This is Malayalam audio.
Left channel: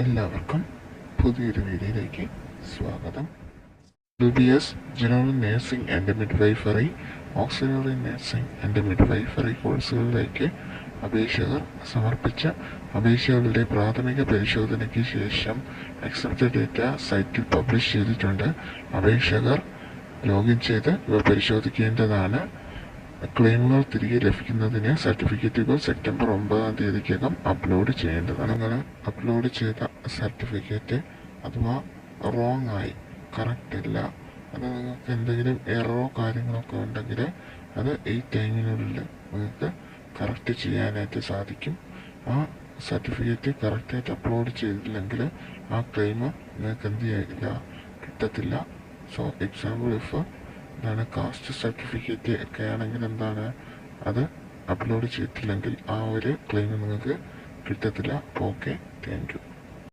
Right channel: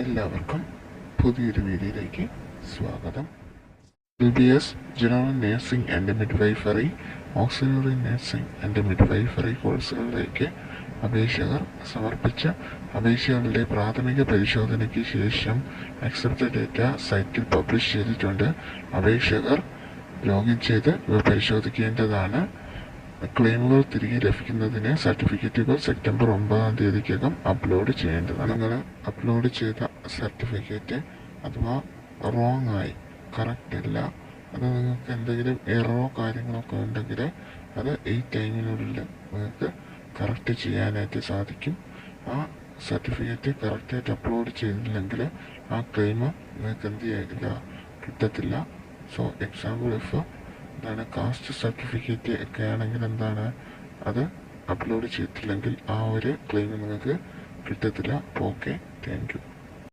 എല്ലാവർക്കും പുതിയൊരു വീഡിയോയിലേക്ക് സ്വാഗതം. LBS general nursing and midwifery, auxiliary nursing and midwifery കോഴ്സുകളിലേക്ക് അപേക്ഷകർ സമർപ്പിച്ച അപേക്ഷകളുടെ പ്രാഥമിക പരിശോധനയ്ക്ക് ശേഷം അക്സെപ്റ്റഡ് ഡേറ്റ സൈറ്റിൽ പബ്ലിഷ് ചെയ്തിട്ടുണ്ട്. അപേക്ഷകർ ലോഗിൻ ചെയ്ത് ഇവ പരിശോധിക്കേണ്ടതാണ്. ക്ലെയിമുകൾ തിരികെ ലഭിക്കുന്നതിന് സർട്ടിഫിക്കറ്റുകൾ സെപ്റ്റംബർ 9-ാം തീയതിക്കകം അപ്ലോഡ് ചെയ്യേണ്ടതാണ്. നിങ്ങൾ അപ്ലോഡ് ചെയ്ത സർട്ടിഫിക്കറ്റ് അഥവാ റോങ് ആയി, കറക്റ്റ് അല്ല, അത് നിങ്ങൾക്ക് എന്തെങ്കിലും എററോ കാര്യങ്ങളൊക്കെ ഉണ്ടെങ്കിൽ അത് ഈ ടൈമിനുള്ളിൽ നിങ്ങൾക്ക് കറക്റ്റ് ചെയ്യാനായിട്ട് സാധിക്കും. ആ സർട്ടിഫിക്കറ്റ് കറക്റ്റായിട്ട് അപ്ലോഡ് ചെയ്തില്ലെങ്കിൽ ആ ക്ലെയിം നിങ്ങൾക്ക് എന്ത് ചെയ്യില്ല, കിട്ടത്തില്ല. സോ എക്സാമ്പിൾ ഇഫ് എന്താണ് കാസ്റ്റ് സർട്ടിഫിക്കറ്റ് ഒക്കെ ആണെങ്കിൽ എന്താണ് അത് അപ്ലോഡ് ചെയ്തിട്ടില്ലെങ്കിൽ ആ ഒരു ക്ലെയിം നിങ്ങൾക്ക് കിട്ടത്തില്ല. Okay, thank you.